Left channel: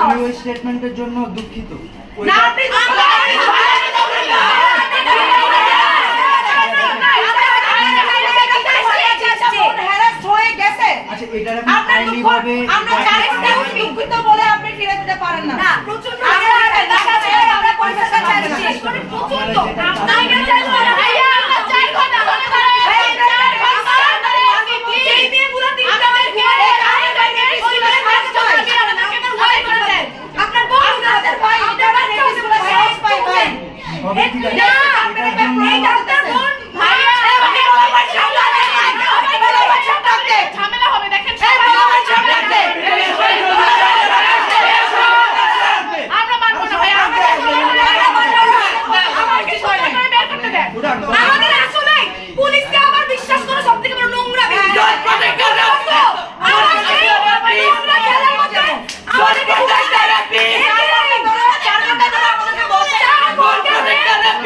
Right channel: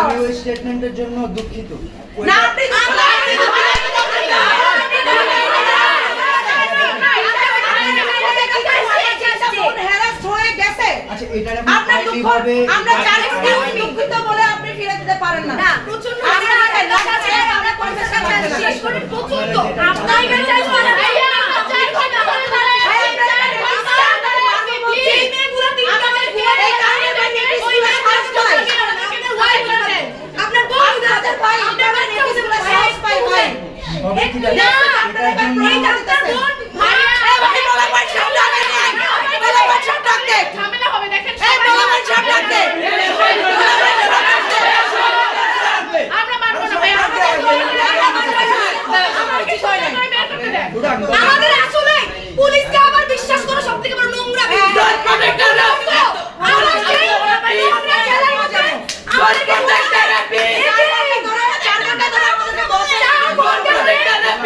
আমি. ওই স্টেটমেন্টের জন্য দুঃখিত না, আপনি বোন harassed হয়ে গেছে। আচ্ছা এটার আমি আপনার আইনি দুঃখ ভাবে আমরা জানি না, আপনি দুঃখিত বলে আপনি ফিরে দিতে পারেন না প্রচণ্ড আপনি দেখেন, রাখা ছেড়ে আপনি পরিবেশটা পাবেন না। প্রচণ্ড নাইগা চাই করে ভাইয়া আমার চাই ঘণ্টা মনে করে ভাই, আপনার কাছে রাস্তা, আপনার মাকে বলছি। এই মেয়েগুলো তিনটা বাজে ঘুমায় এই কারণে ভাই, মেয়ে ওই স্কুলে মেয়ে সাহস পায়। আপনার ওয়াইফ বলেন আপনার বোন আপনার ভাই, আপনার ভাই মেয়ে স্কুলে সাহস পায়, ভাই। হবে ঠিক আছে না, এটার জন্য এই ডাক্তার বোন, মায়ের এই ভাই, বলা ভাই, সব ডাক দে, বলা ভাই, সব ডাক দে। ঝামেলা হবে দেখেন এই বলা ভাই, সব ডাক দে। বলা ভাই, সব ডাক দে। আমরা মানবো না ভাই আমরা আমাদের আসলে পুলিশকে আবার বিশ্বাস করা সব থেকে বড় নোংরা আমার সেই নোংরা খেলার মধ্যে আমাদেরকে এটাই ধরো, চার ঘণ্টা ধরে আমাদেরকে বসে চার ঘণ্টা যেখানে পুলিশের কাছে চার ঘণ্টা হয়ে গেছে আমাদেরকে নিয়ে যায় একটা করে পুলিশ তার নোংরা খেলা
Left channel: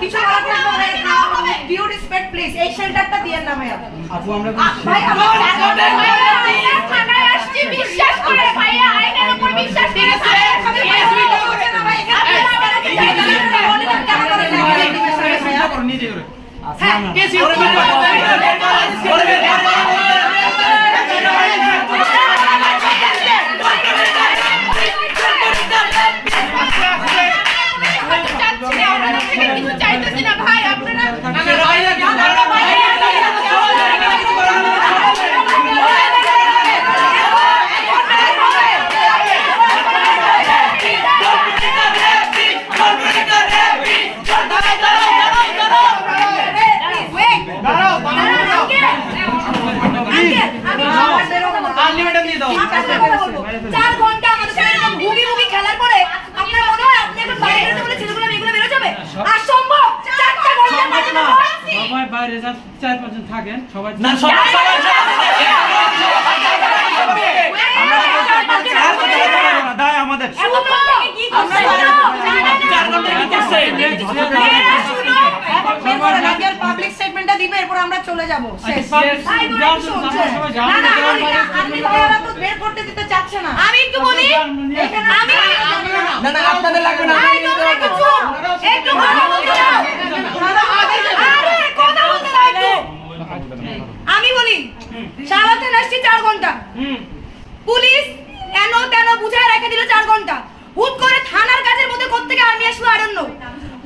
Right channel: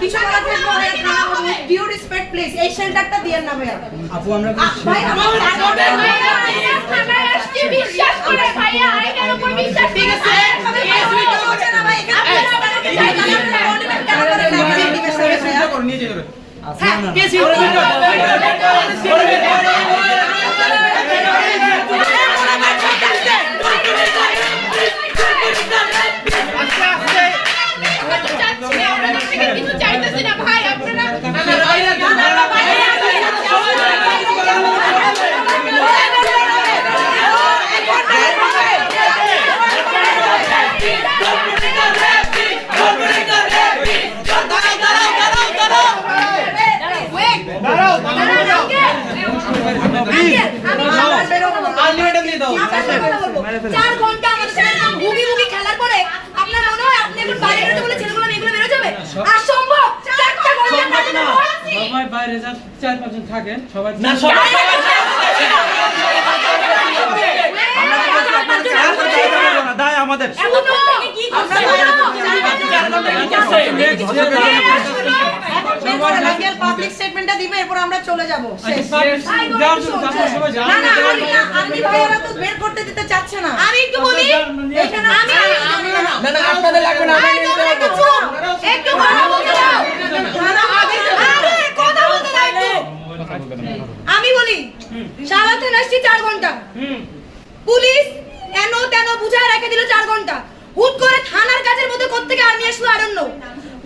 কিছু রেসপেক্ট প্লিজ এই শেল্টারটা দিয়েন না ভাইয়া চার ঘণ্টা আমাদের সাথে এরকম ভুগি ভুগি খেলার পরে আপনার মনে হয় আপনি এখন বাইরে বেরোতে বলে ছেলেগুলো মেয়েগুলো বেরো যাবে অসম্ভব চারটা ঘণ্টা কাটানো সবাই বাইরে যান চার পাঁচজন থাকেন সবাই দায় আমাদের কি করছেন এরপরে রাগের পাবলিক স্টেটমেন্টটা দিবে এরপর আমরা চলে যাব। শেষ। সবাই যান না না আর্মি আর্মি ভাইয়ারা তো বের করতে দিতে চাচ্ছে না। আমি একটু বলি আমি না না আপনাদের লাগবে না আরে তোমরা একটু একটু কথা বলতে দাও। আরে কথা বলতে দাও একটু। আমি বলি সারা থানা আসছি চার ঘণ্টা। পুলিশ এন তেন বুঝায় রেখে দিল চার ঘণ্টা। হুট করে থানার কাজের মধ্যে কোত্থেকে আর্মি আসলো ডোন্ট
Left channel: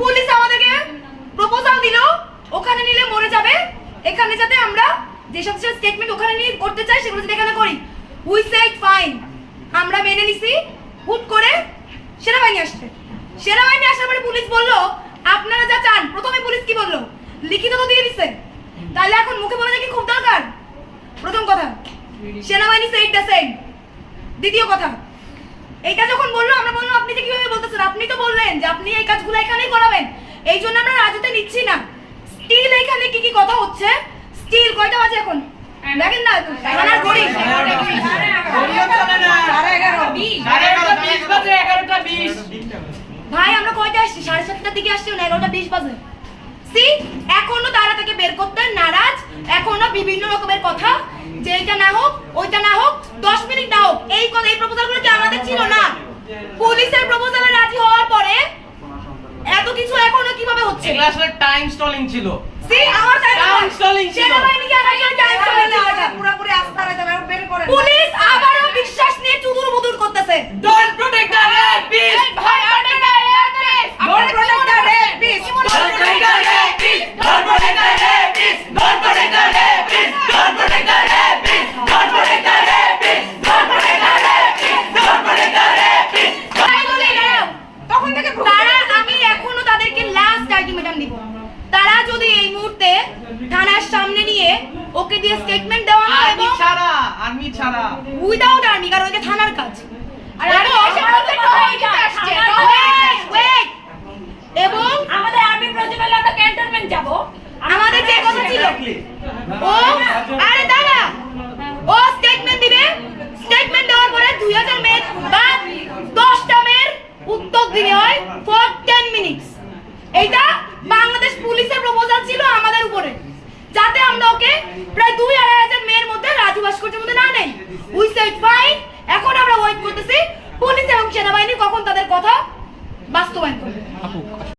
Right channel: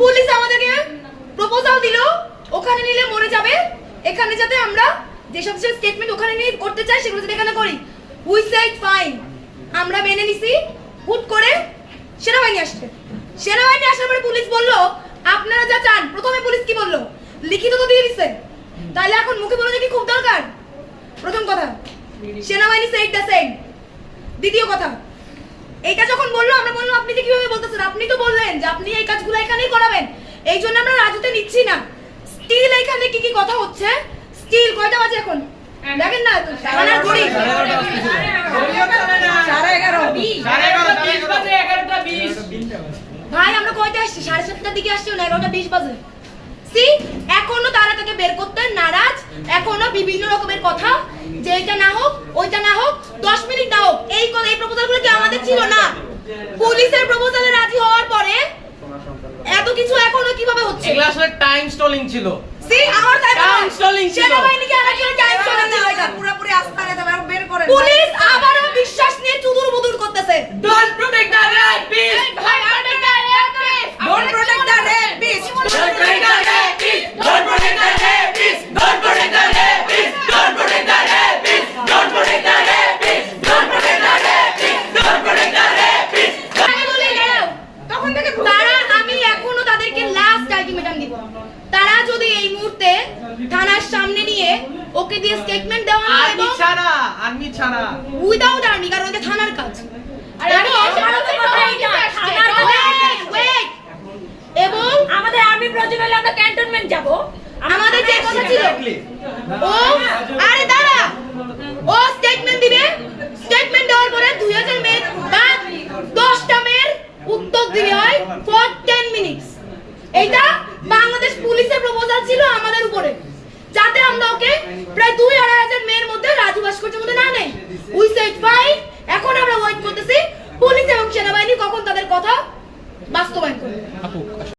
পুলিশ আমাদেরকে প্রপোজাল দিল, ওখানে নিলে মরে যাবে। এখানে যাতে আমরা যেসব স্টেটমেন্ট ওখানে নিয়ে করতে চাই, সেগুলো যাতে এখানে করি। উই সেড ফাইন আমরা মেনে নিছি, হুট করে সেনাবাহিনী আসছে। সেনাবাহিনী আসার পরে পুলিশ বলল, আপনারা যা চান, প্রথমে পুলিশ কি বলল? লিখিত তো দিয়ে দিচ্ছে তাহলে এখন মুখে বলে কি খুব দরকার? প্রথম কথা, সেনাবাহিনী সেইড দ্য সেইড দ্বিতীয় কথা, এইটা যখন বলল, আমরা বললাম, আপনি যে কীভাবে বলতেছেন, আপনি তো বললেন যে আপনি এই কাজগুলো এখানেই করাবেন। এই জন্য আমরা রাজুতে নিচ্ছি না। স্টিল এখানে কি কি কথা হচ্ছে? স্টিল কয়টা বাজে এখন? দেখেন না থানার ঘড়ি। সাড়ে এগারো। ভাই আমরা কয়টা আসছি? সাড়ে সাতটার দিকে আসছি না এগারোটা বিশ বাজে? সি এখনও তারা তাকে বের করতে নারাজ এখনও বিভিন্ন রকমের কথা। যে এটা না হোক ওইটা না হোক দশ মিনিট না হোক। এই এই প্রপোজালগুলো কি আমাদের ছিল না? পুলিশের প্রপোজালে রাজি হওয়ার পরে এত কিছু এখনও কীভাবে হচ্ছে? এগুলো আসলে টাইম স্টলিং ছিল। সি আমার তাই ছিল সেটা ছিল। সেনাবাহিনীকে আমার জন্য টাইম স্টলিং ছিল এটা। পুরোপুরি আস্থা রাখতে আর বের করে পুলিশ আবারও বিশ্বাস নিয়ে চুদুর বুদুর করতেছে। যদি এই মুহূর্তে থানার সামনে নিয়ে ওকে দিয়ে স্টেটমেন্ট দেওয়া না এবং ছাড়া আর্মি ছাড়া উইদাউট আর্মি কারণ এটা থানার কাজ এবং আমাদের আর্মি প্রয়োজন হলে আমরা ক্যান্টনমেন্ট যাব আমাদের যে কথা ছিল ও আরে দাঁড়া ও এইটা বাংলাদেশ পুলিশের প্রপোজাল ছিল আমাদের উপরে যাতে আমরা ওকে প্রায় দুই আড়াই হাজার মেয়ের মধ্যে রাজু ভাস্কর্যের মধ্যে না নেই। উই সেড ফাইন এখন আমরা ওয়েট করতেছি। পুলিশ এবং সেনাবাহিনী কখন তাদের কথা বাস্তবায়ন করবে।